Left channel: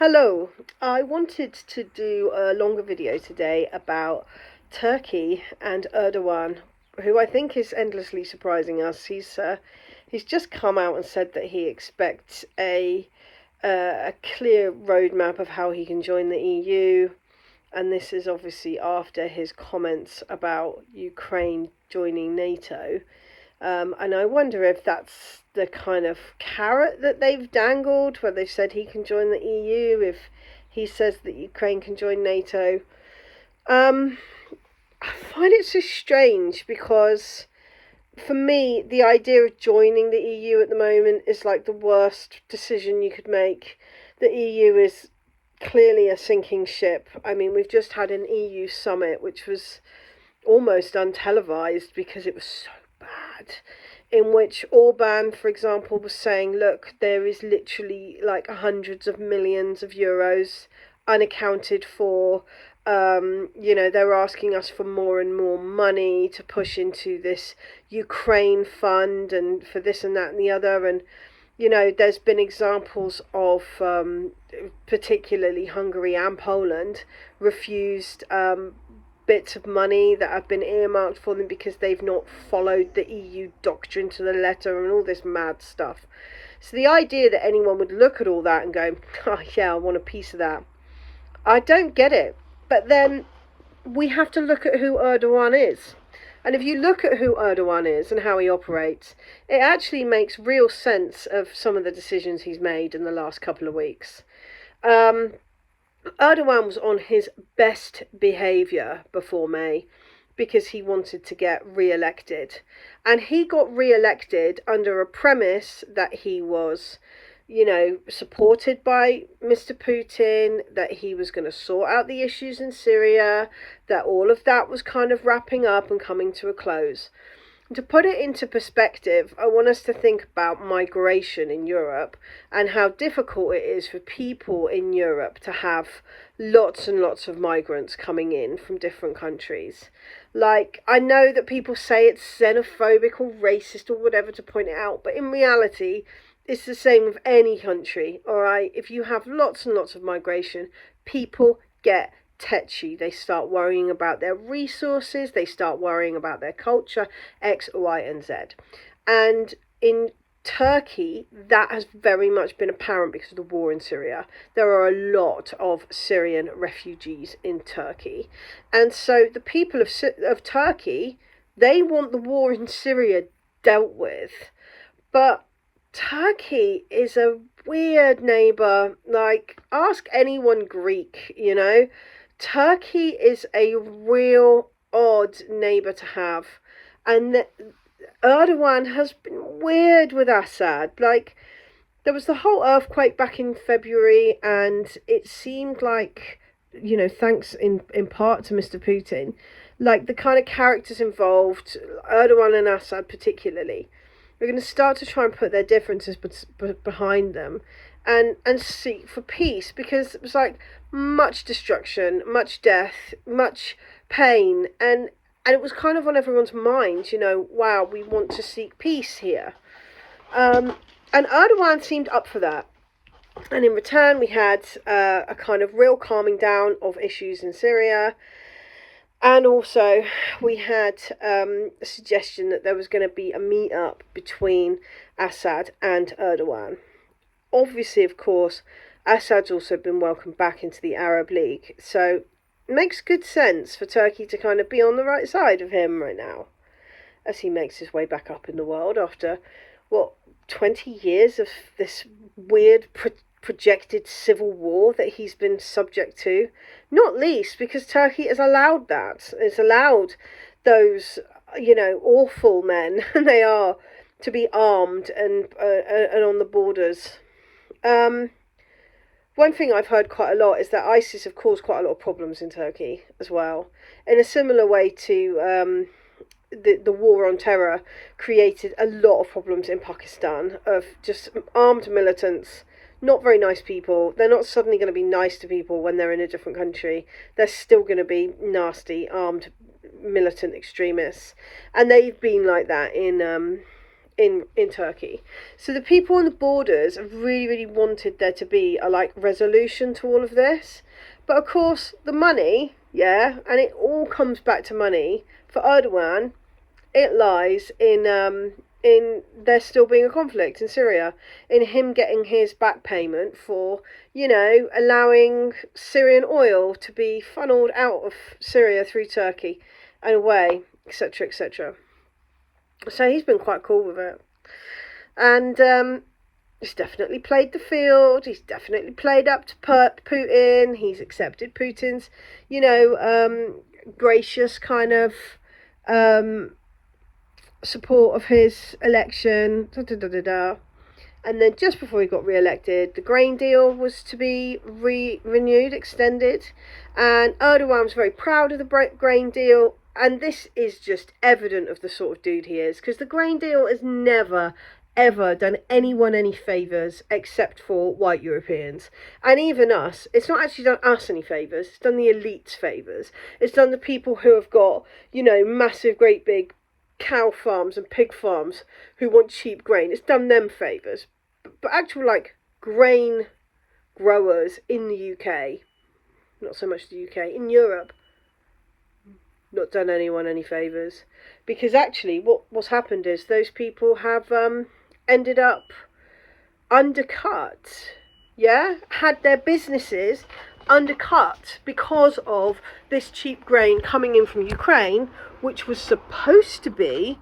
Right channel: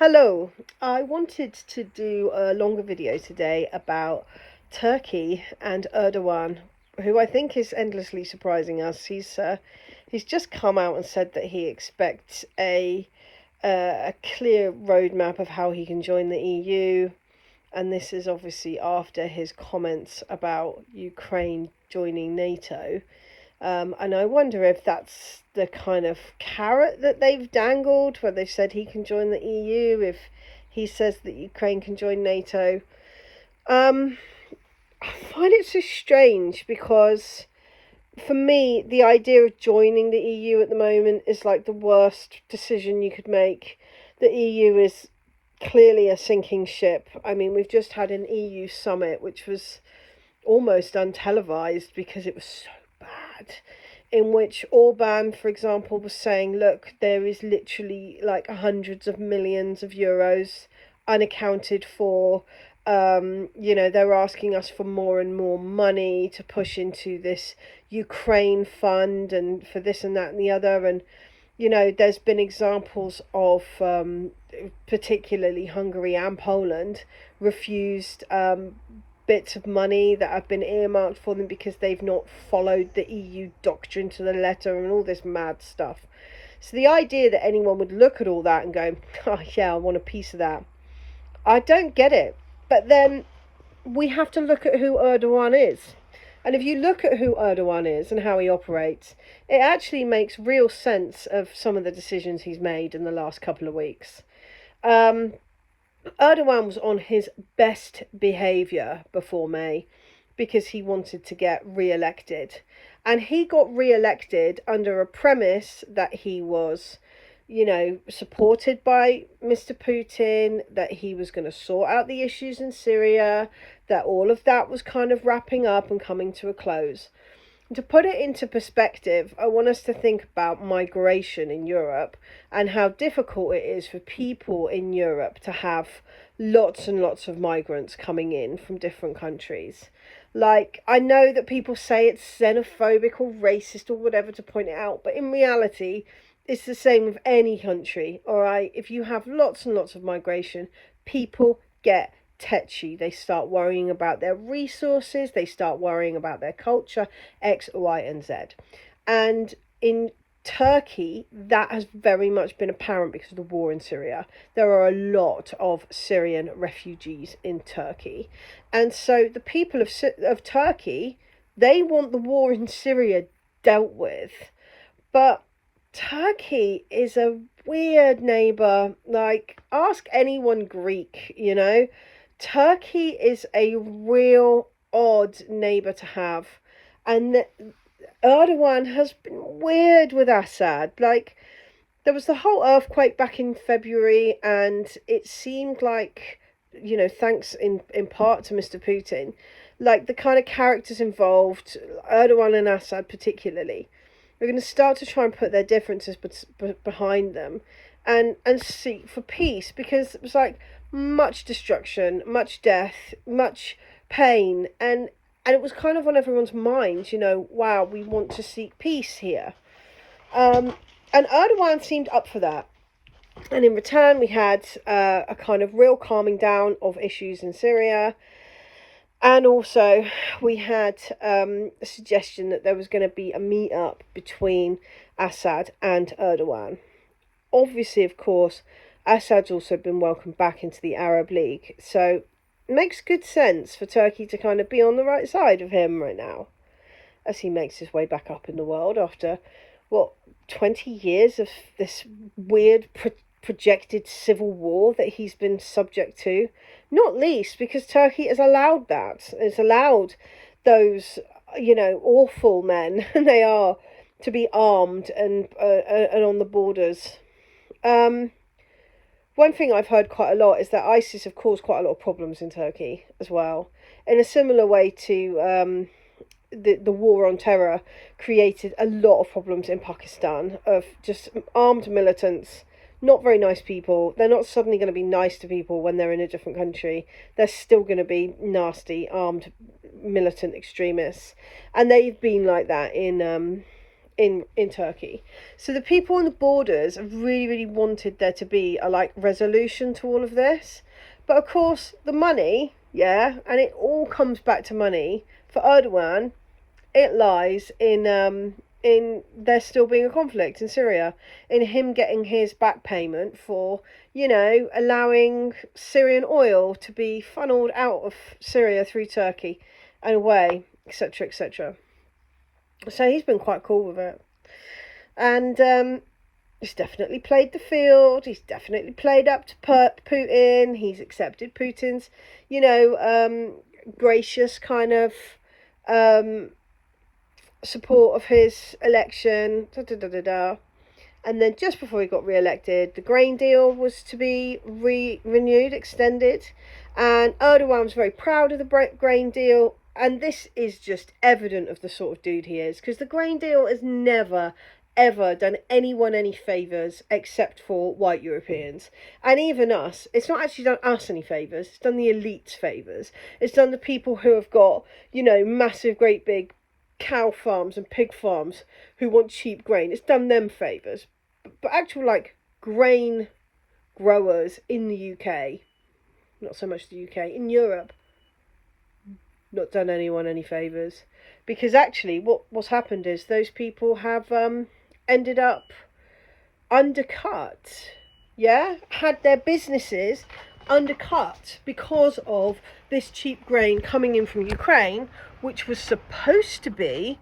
Hello, I wanted to do a longer video today about Turkey and Erdogan, who I think is endlessly surprising us. He's just come out and said that he expects a clear roadmap of how he can join the EU, and this is obviously after his comments about Ukraine joining NATO. And I wonder if that's the kind of carrot that they've dangled, where they've said he can join the EU if he says that Ukraine can join NATO. I find it so strange because for me, the idea of joining the EU at the moment is like the worst decision you could make. The EU is clearly a sinking ship. I mean, we've just had an EU summit, which was almost untelevised because it was so bad, in which Orban, for example, was saying, look, there is literally like hundreds of millions of euros unaccounted for. They're asking us for more and more money to push into this Ukraine fund and for this and that and the other. And, there's been examples of particularly Hungary and Poland refused bits of money that have been earmarked for them because they've not followed the EU doctrine to the letter and all this mad stuff. So the idea that anyone would look at all that and go, oh yeah, I want a piece of that, I don't get it. But then we have to look at who Erdogan is. And if you look at who Erdogan is and how he operates, it actually makes real sense of some of the decisions he's made in the last couple of weeks. Erdogan was on his best behaviour before May because he wanted to get re-elected. And he got re-elected under a premise that he was, supported by Mr. Putin, that he was going to sort out the issues in Syria, that all of that was kind of wrapping up and coming to a close. To put it into perspective, I want us to think about migration in Europe and how difficult it is for people in Europe to have lots and lots of migrants coming in from different countries. Like, I know that people say it's xenophobic or racist or whatever to point it out, but in reality, it's the same with any country, all right? If you have lots and lots of migration, people get tetchy. They start worrying about their resources, they start worrying about their culture, X, Y, and Z. And in Turkey, that has very much been apparent because of the war in Syria. There are a lot of Syrian refugees in Turkey. And so the people of Turkey, they want the war in Syria dealt with. But Turkey is a weird neighbour. Like, ask anyone Greek, Turkey is a real odd neighbour to have. And Erdogan has been weird with Assad. Like, there was the whole earthquake back in February, and it seemed like, thanks in part to Mr. Putin, like the kind of characters involved, Erdogan and Assad particularly, are going to start to try and put their differences behind them and seek for peace, because it was like much destruction, much death, much pain, and it was kind of on everyone's mind, wow, we want to seek peace here. And Erdogan seemed up for that. And in return, we had a kind of real calming down of issues in Syria. And also, we had a suggestion that there was going to be a meet-up between Assad and Erdogan. Obviously, of course, Assad's also been welcomed back into the Arab League. So it makes good sense for Turkey to kind of be on the right side of him right now, as he makes his way back up in the world after, 20 years of this weird projected civil war that he's been subject to, not least because Turkey has allowed that. It's allowed those, awful men, they are, to be armed and on the borders. One thing I've heard quite a lot is that ISIS have caused quite a lot of problems in Turkey as well, in a similar way to the war on terror created a lot of problems in Pakistan of just armed militants, not very nice people. They're not suddenly going to be nice to people when they're in a different country. They're still going to be nasty, armed, militant extremists. And they've been like that in in Turkey. So the people on the borders have really wanted there to be a like resolution to all of this. But of course the money, yeah, and it all comes back to money for Erdogan. It lies in there still being a conflict in Syria, in him getting his back payment for, you know, allowing Syrian oil to be funneled out of Syria through Turkey and away, etc., etc. So he's been quite cool with it. And he's definitely played the field. He's definitely played up to Putin. He's accepted Putin's, you know, gracious kind of support of his election. And then just before he got re-elected, the grain deal was to be renewed, extended. And Erdogan was very proud of the grain deal. And this is just evident of the sort of dude he is, because the grain deal has never, ever done anyone any favours except for white Europeans. And even us, it's not actually done us any favours, it's done the elites favours. It's done the people who have got, you know, massive, great big cow farms and pig farms who want cheap grain. It's done them favours. But actual, like, grain growers in the UK, not so much the UK, in Europe, not done anyone any favours, because actually what's happened is those people have ended up undercut, yeah, had their businesses undercut because of this cheap grain coming in from Ukraine, which was supposed to be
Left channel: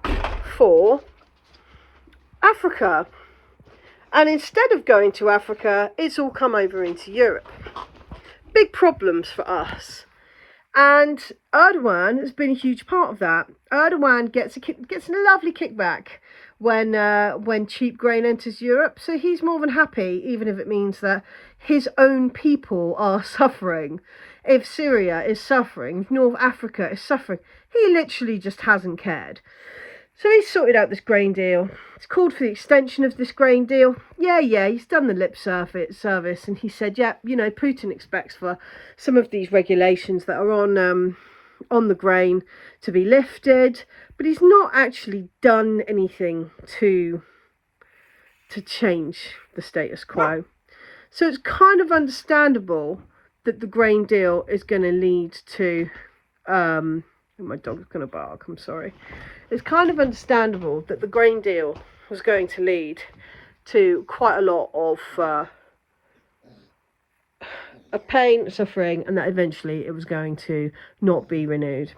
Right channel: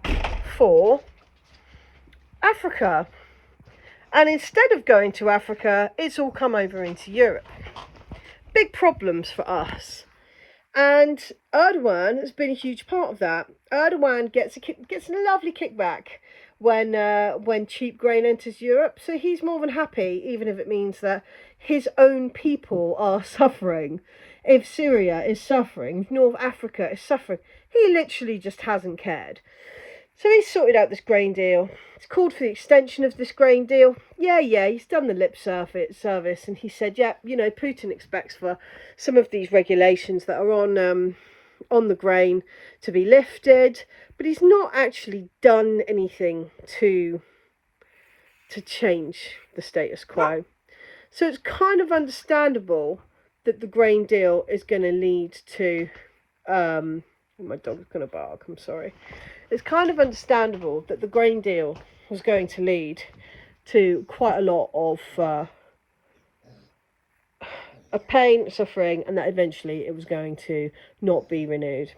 for Africa, and instead of going to Africa, it's all come over into Europe. Big problems for us. And Erdogan has been a huge part of that. Erdogan gets a lovely kickback when cheap grain enters Europe. So he's more than happy, even if it means that his own people are suffering. If Syria is suffering, if North Africa is suffering, he literally just hasn't cared. So he's sorted out this grain deal. It's called for the extension of this grain deal. Yeah, he's done the lip service, and he said, yeah, you know, Putin expects for some of these regulations that are on the grain to be lifted, but he's not actually done anything to change the status quo. So it's kind of understandable that the grain deal is going to lead to my dog's going to bark, I'm sorry. It's kind of understandable that the grain deal was going to lead to quite a lot of pain, suffering, and that eventually it was going to not be renewed.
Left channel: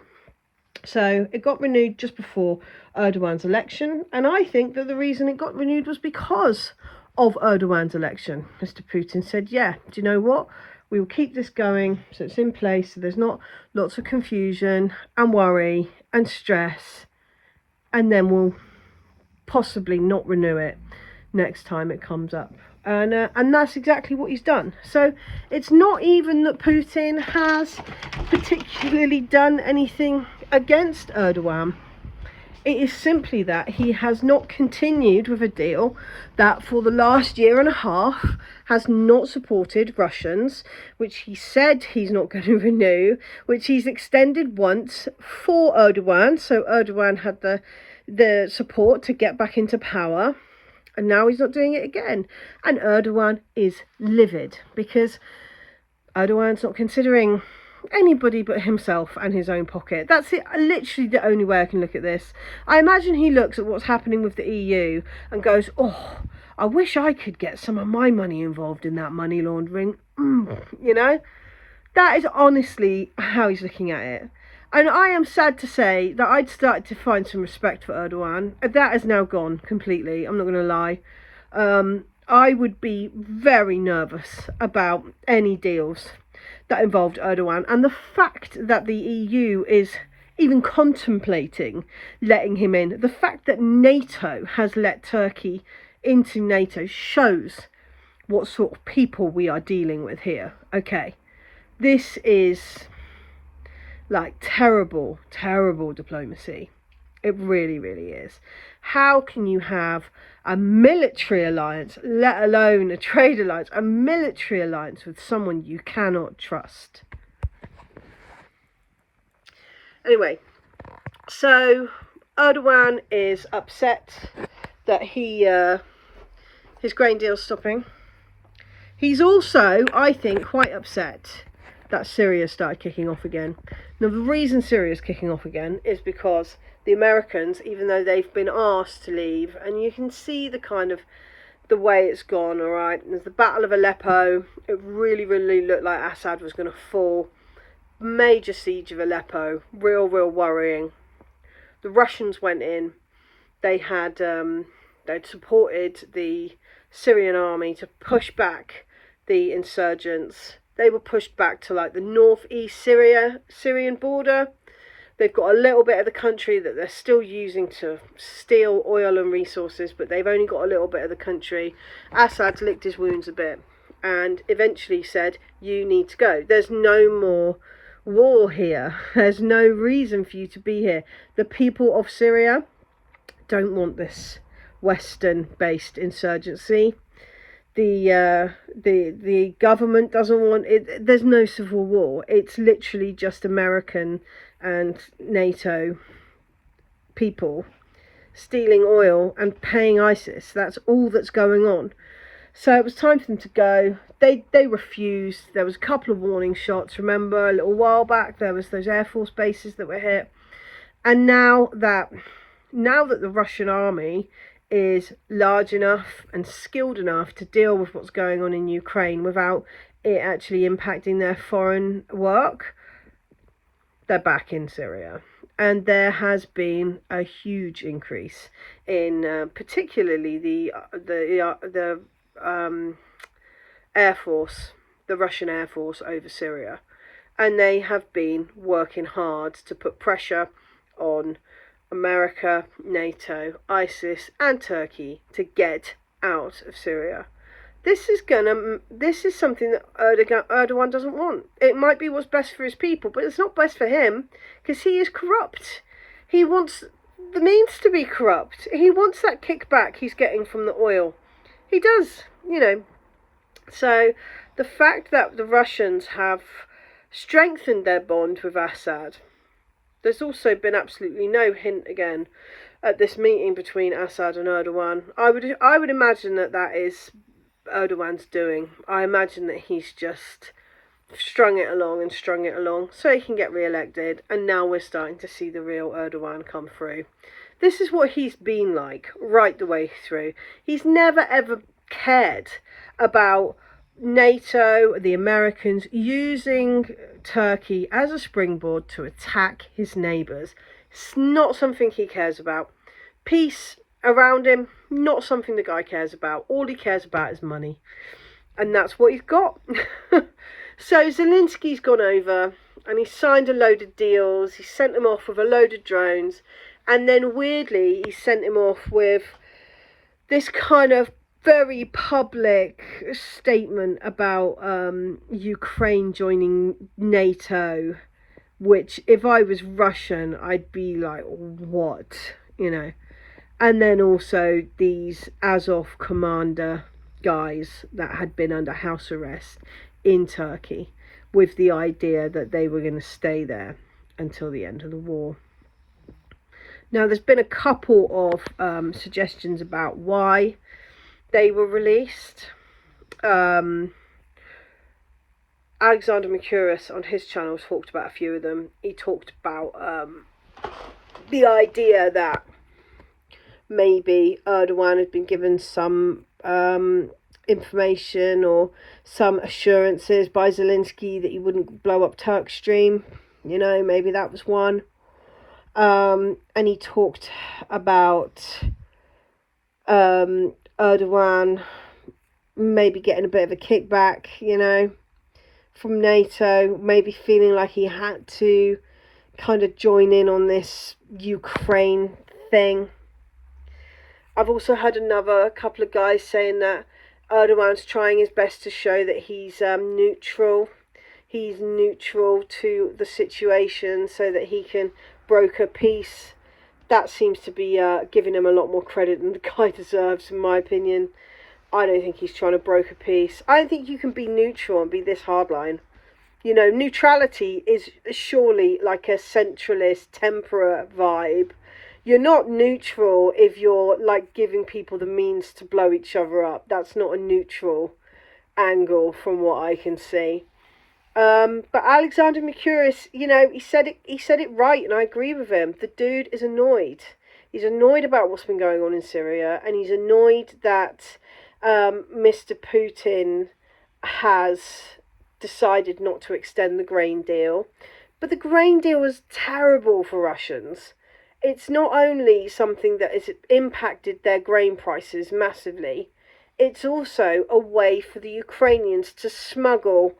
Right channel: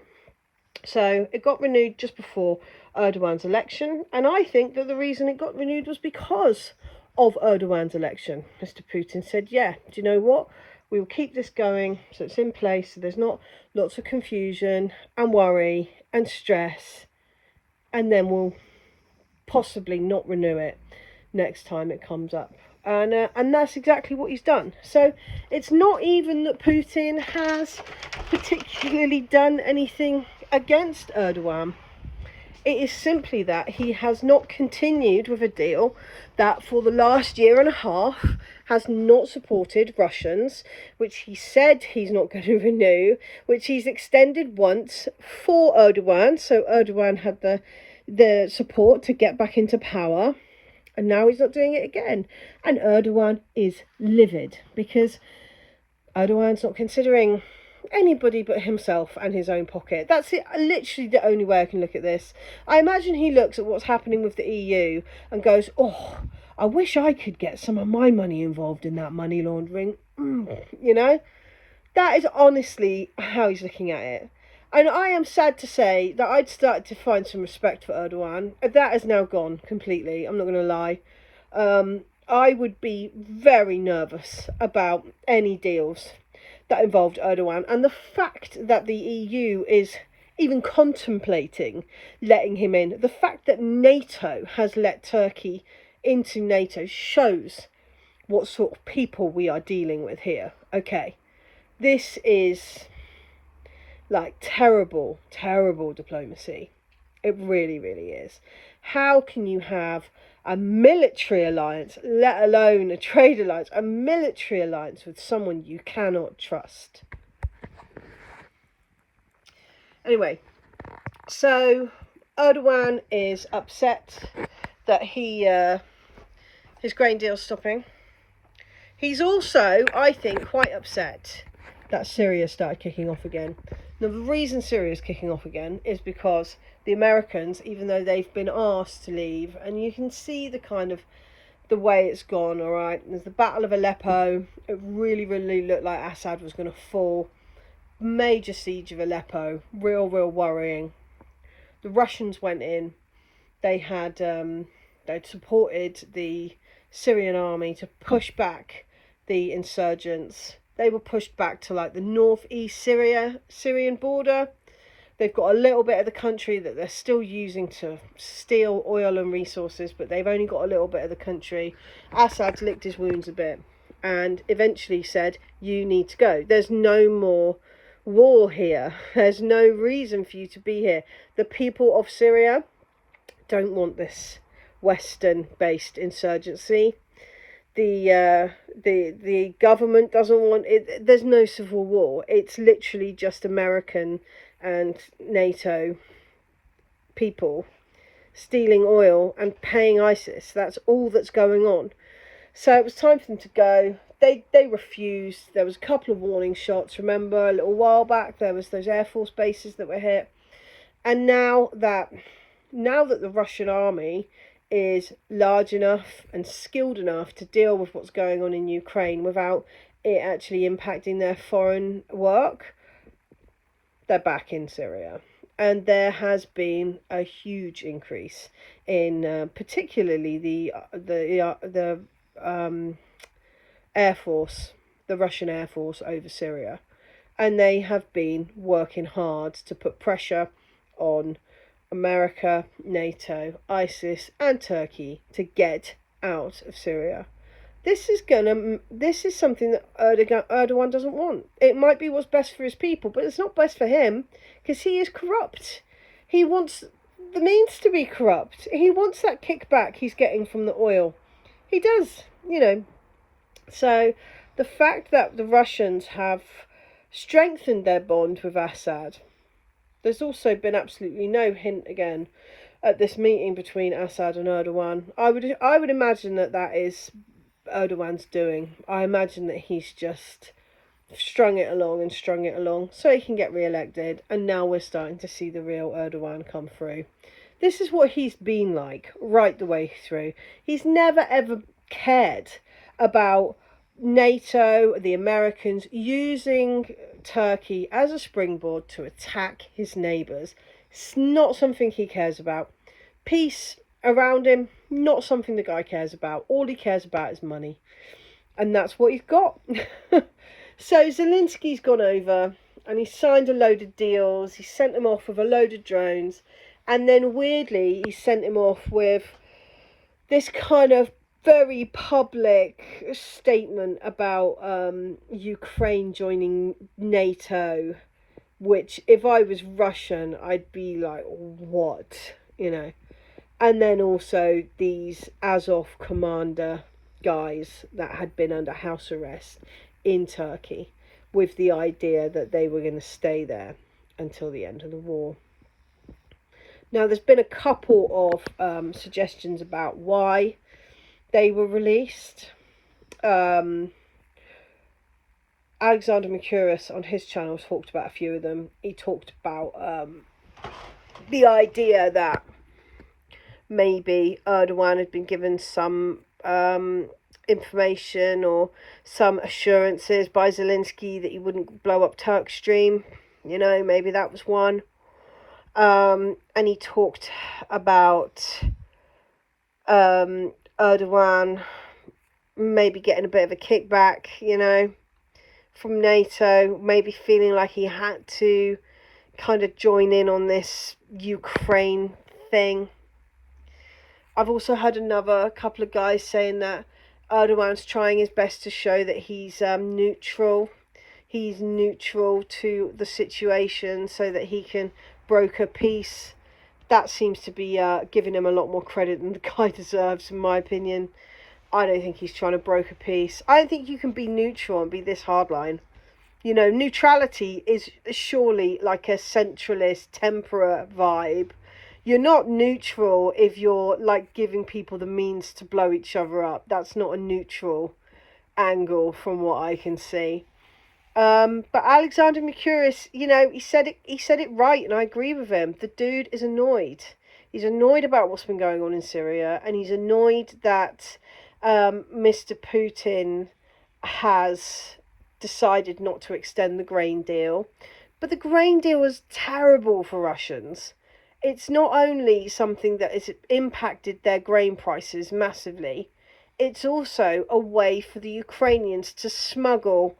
So it got renewed just before Erdogan's election, and I think that the reason it got renewed was because of Erdogan's election. Mr. Putin said, yeah, do you know what? We will keep this going so it's in place, so there's not lots of confusion and worry and stress, and then we'll possibly not renew it next time it comes up. And that's exactly what he's done. So it's not even that Putin has particularly done anything against Erdogan. It is simply that he has not continued with a deal that for the last year and a half has not supported Russians, which he said he's not going to renew, which he's extended once for Erdogan. So Erdogan had the support to get back into power, and now he's not doing it again. And Erdogan is livid because Erdogan's not considering anybody but himself and his own pocket. That's it, literally the only way I can look at this. I imagine he looks at what's happening with the EU and goes, oh, I wish I could get some of my money involved in that money laundering. You know, that is honestly how he's looking at it. And I am sad to say that I'd started to find some respect for Erdogan. That has now gone completely, I'm not going to lie. I would be very nervous about any deals that involved Erdogan. And the fact that the EU is even contemplating letting him in, the fact that NATO has let Turkey into NATO, shows what sort of people we are dealing with here. Okay, this is like terrible diplomacy. It really is. How can you have a military alliance, let alone a trade alliance, a military alliance with someone you cannot trust? Anyway, so Erdogan is upset that his grain deal's stopping. He's also, I think, quite upset that Syria started kicking off again. Now, the reason Syria's kicking off again is because the Americans, even though they've been asked to leave, and you can see the kind of the way it's gone, all right? There's the Battle of Aleppo. It really, really looked like Assad was going to fall. Major siege of Aleppo. Real worrying. The Russians went in. They'd supported the Syrian army to push back the insurgents. They were pushed back to like the northeast Syrian border. They've got a little bit of the country that they're still using to steal oil and resources, but they've only got a little bit of the country. Assad licked his wounds a bit and eventually said, you need to go. There's no more war here. There's no reason for you to be here. The people of Syria don't want this Western-based insurgency. The government doesn't want it. There's no civil war. It's literally just American and NATO people stealing oil and paying ISIS. That's all that's going on. So it was time for them to go. They refused. There was a couple of warning shots. Remember, a little while back there was those Air Force bases that were hit. And now that the Russian army is large enough and skilled enough to deal with what's going on in Ukraine without it actually impacting their foreign work, they're back in Syria. And there has been a huge increase in particularly the Air Force, the Russian Air Force over Syria. And they have been working hard to put pressure on America, NATO, ISIS and Turkey to get out of Syria. This is something that Erdogan doesn't want. It might be what's best for his people, but it's not best for him because he is corrupt. He wants the means to be corrupt. He wants that kickback he's getting from the oil. He does, you know. So the fact that the Russians have strengthened their bond with Assad, there's also been absolutely no hint again at this meeting between Assad and Erdogan. I would imagine that is Erdogan's doing. I imagine that he's just strung it along so he can get re-elected, and now we're starting to see the real Erdogan come through. This is what he's been like right the way through. He's never ever cared about NATO, the Americans using Turkey as a springboard to attack his neighbours. It's not something he cares about. Peace around him, not something the guy cares about. All he cares about is money. And that's what he's got. So Zelensky's gone over and he signed a load of deals. He sent him off with a load of drones. And then weirdly, he sent him off with this kind of very public statement about Ukraine joining NATO, which if I was Russian, I'd be like, what? You know. And then also these Azov commander guys that had been under house arrest in Turkey with the idea that they were going to stay there until the end of the war. Now, there's been a couple of suggestions about why they were released. Alexander Mercouris on his channel talked about a few of them. He talked about the idea that maybe Erdogan had been given some information or some assurances by Zelensky that he wouldn't blow up Turk Stream. You know, maybe that was one. And he talked about Erdogan maybe getting a bit of a kickback, you know, from NATO, maybe feeling like he had to kind of join in on this Ukraine thing. I've also heard a couple of guys saying that Erdogan's trying his best to show that he's neutral. He's neutral to the situation so that he can broker peace. That seems to be giving him a lot more credit than the guy deserves, in my opinion. I don't think he's trying to broker peace. I don't think you can be neutral and be this hardline. You know, neutrality is surely like a centralist, temperate vibe. You're not neutral if you're like giving people the means to blow each other up. That's not a neutral angle from what I can see. But Alexander Mercouris, you know, he said it right, and I agree with him. The dude is annoyed. He's annoyed about what's been going on in Syria, and he's annoyed that Mr. Putin has decided not to extend the grain deal. But the grain deal was terrible for Russians. It's not only something that has impacted their grain prices massively, it's also a way for the Ukrainians to smuggle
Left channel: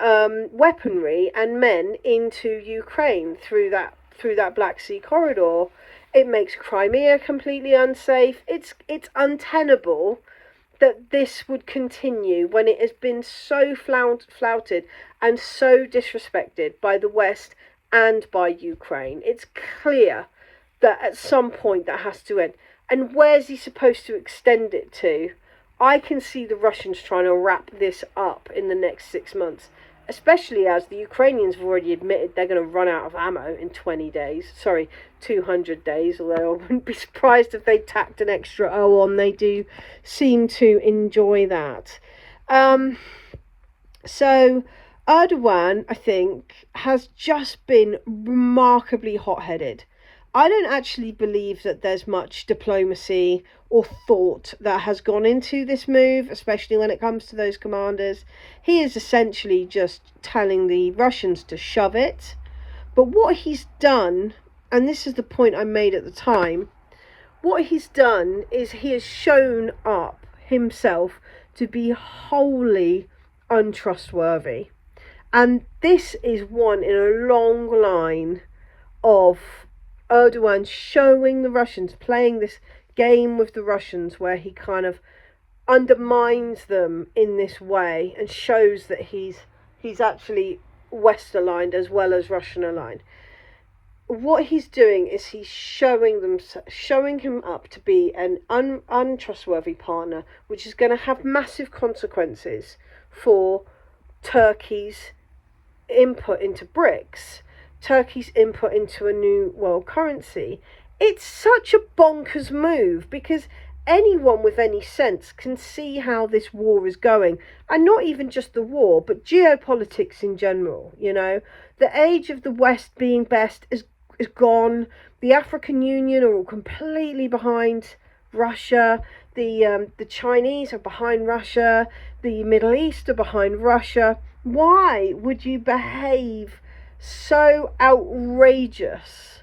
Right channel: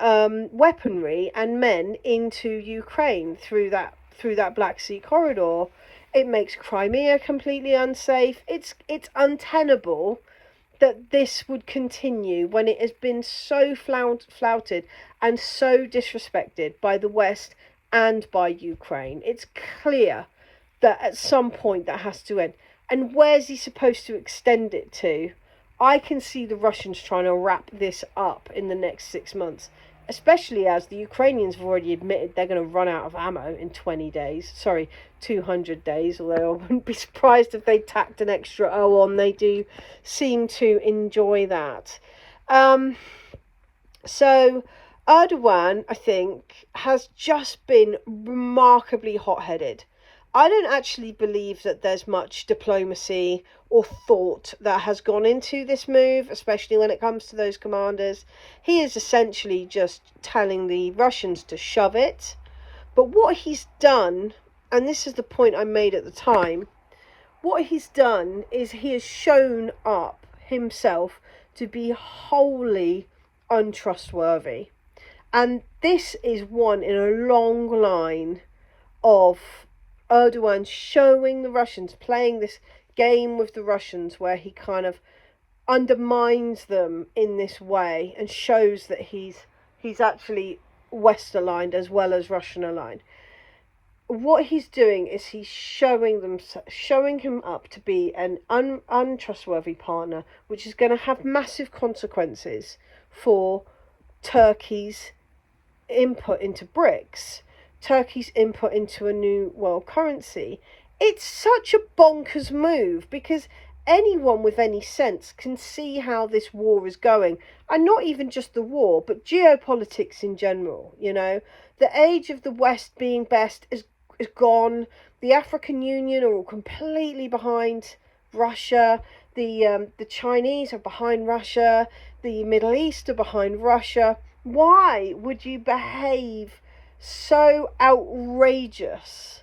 weaponry and men into Ukraine through that Black Sea corridor. It makes Crimea completely unsafe. It's untenable that this would continue when it has been so flouted and so disrespected by the West and by Ukraine. It's clear that at some point that has to end. And where's he supposed to extend it to? I can see the Russians trying to wrap this up in the next 6 months, especially as the Ukrainians have already admitted they're going to run out of ammo in 200 days, although I wouldn't be surprised if they tacked an extra O on. They do seem to enjoy that. So Erdogan, I think, has just been remarkably hot-headed. I don't actually believe that there's much diplomacy or thought that has gone into this move, especially when it comes to those commanders. He is essentially just telling the Russians to shove it. But what he's done, and this is the point I made at the time, what he's done is he has shown up himself to be wholly untrustworthy. And this is one in a long line of Erdogan showing the Russians, playing this game with the Russians where he kind of undermines them in this way and shows that he's actually West aligned as well as Russian aligned. What he's doing is he's showing him up to be an untrustworthy partner, which is going to have massive consequences for Turkey's input into BRICS, Turkey's input into a new world currency. It's such a bonkers move because anyone with any sense can see how this war is going, and not even just the war, but geopolitics in general. You know, the age of the West being best is gone. The African Union are all completely behind Russia. The Chinese are behind Russia. The Middle East are behind Russia. Why would you behave so outrageous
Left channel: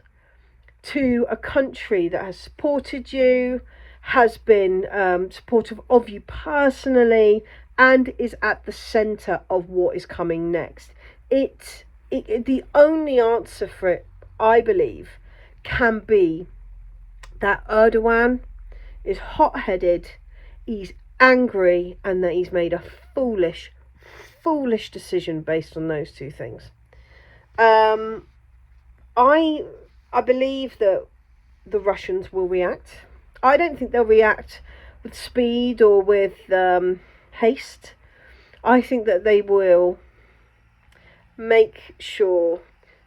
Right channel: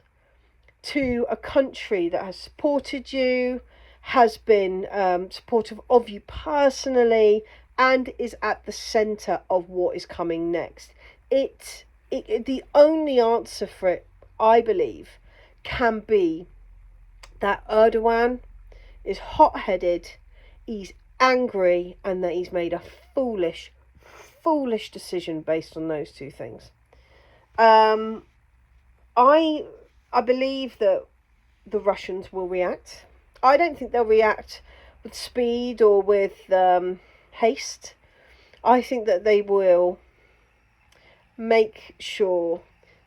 to a country that has supported you, has been supportive of you personally, and is at the centre of what is coming next? The only answer for it, I believe, can be that Erdogan is hot-headed, he's angry, and that he's made a foolish decision based on those two things. I believe that the Russians will react. I don't think they'll react with speed or with haste. I think that they will make sure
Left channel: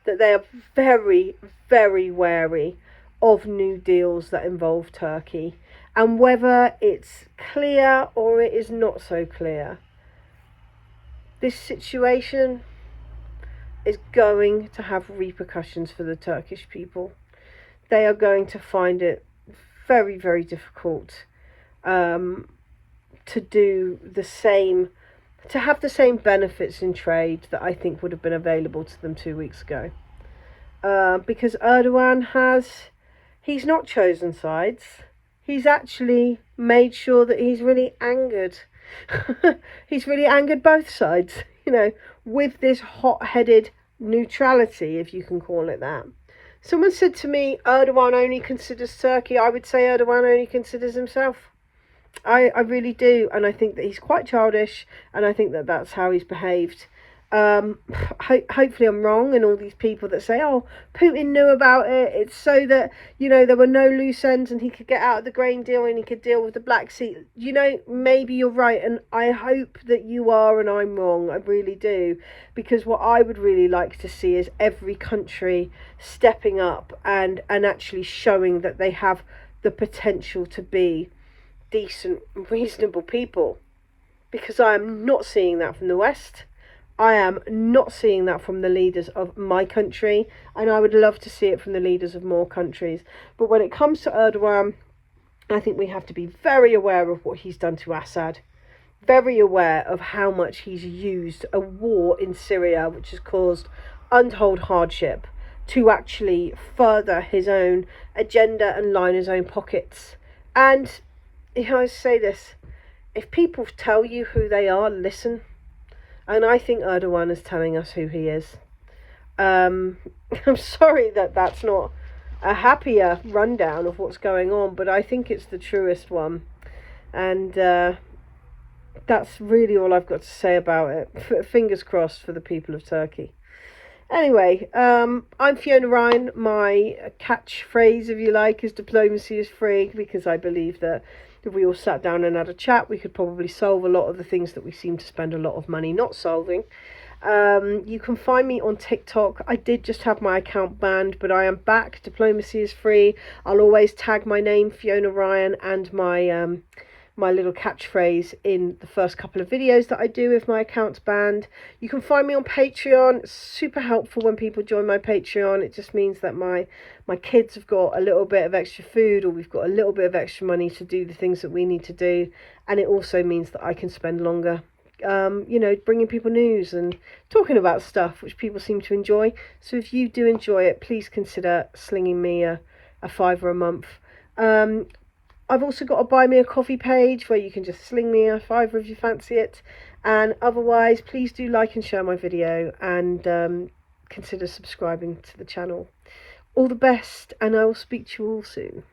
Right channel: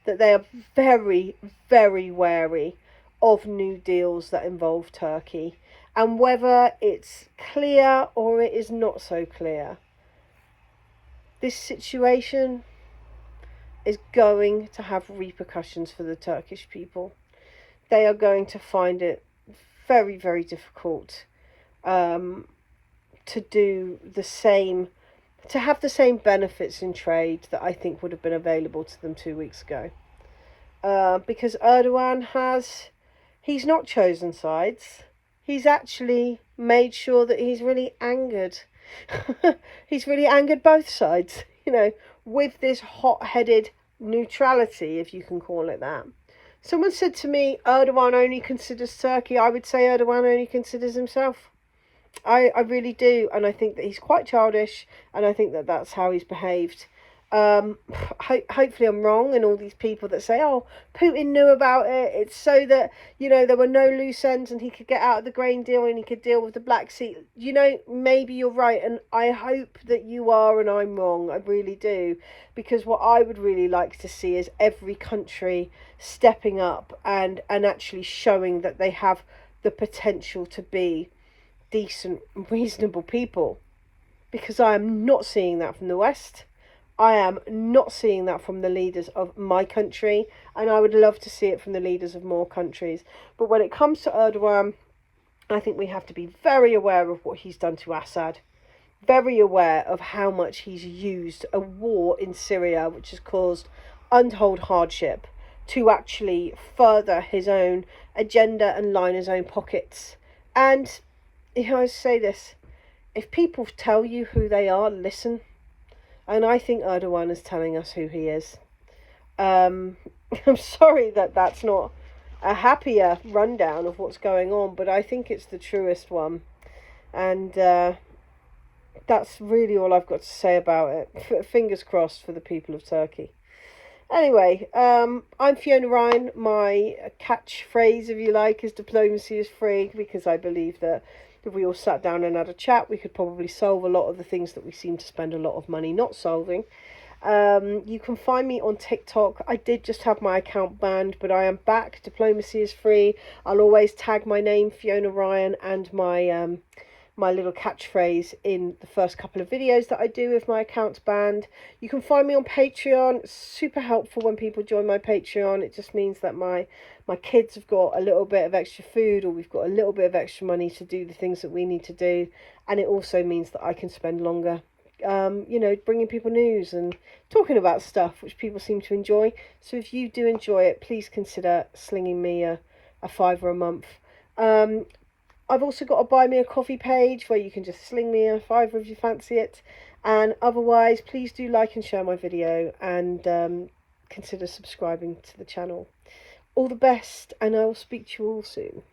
that they are very, very wary of new deals that involve Turkey, and whether it's clear or it is not so clear, this situation is going to have repercussions for the Turkish people. They are going to find it very, very difficult to do the same, to have the same benefits in trade that I think would have been available to them 2 weeks ago. Because Erdogan he's not chosen sides. He's actually made sure that he's really angered. He's really angered both sides, you know, with this hot-headed neutrality, if you can call it that. Someone said to me, Erdogan only considers Turkey. I would say Erdogan only considers himself. I really do, and I think that he's quite childish, and I think that that's how he's behaved. Hopefully I'm wrong, and all these people that say, oh, Putin knew about it, it's so that, you know, there were no loose ends and he could get out of the grain deal and he could deal with the Black Sea. You know, maybe you're right, and I hope that you are and I'm wrong. I really do, because what I would really like to see is every country stepping up and actually showing that they have the potential to be decent, reasonable people, because I am not seeing that from the West. I am not seeing that from the leaders of my country, and I would love to see it from the leaders of more countries. But when it comes to Erdogan, I think we have to be very aware of what he's done to Assad, very aware of how much he's used a war in Syria, which has caused untold hardship, to actually further his own agenda and line his own pockets. And, you know, I say this, if people tell you who they are, listen. And I think Erdogan is telling us who he is. I'm sorry that that's not a happier rundown of what's going on, but I think it's the truest one. And that's really all I've got to say about it. Fingers crossed for the people of Turkey. Anyway, I'm Fiona Ryan. My catchphrase, if you like, is diplomacy is free, because I believe that if we all sat down and had a chat, we could probably solve a lot of the things that we seem to spend a lot of money not solving. You can find me on TikTok. I did just have my account banned, but I am back. Diplomacy is free. I'll always tag my name, Fiona Ryan, and my my little catchphrase in the first couple of videos that I do if my account's banned. You can find me on Patreon. It's super helpful when people join my Patreon. It just means that my kids have got a little bit of extra food, or we've got a little bit of extra money to do the things that we need to do. And it also means that I can spend longer, you know, bringing people news and talking about stuff which people seem to enjoy. So if you do enjoy it, please consider slinging me a £5 a month. I've also got a buy me a coffee page where you can just sling me a £5 if you fancy it. And otherwise, please do like and share my video, and consider subscribing to the channel. All the best, and I will speak to you all soon.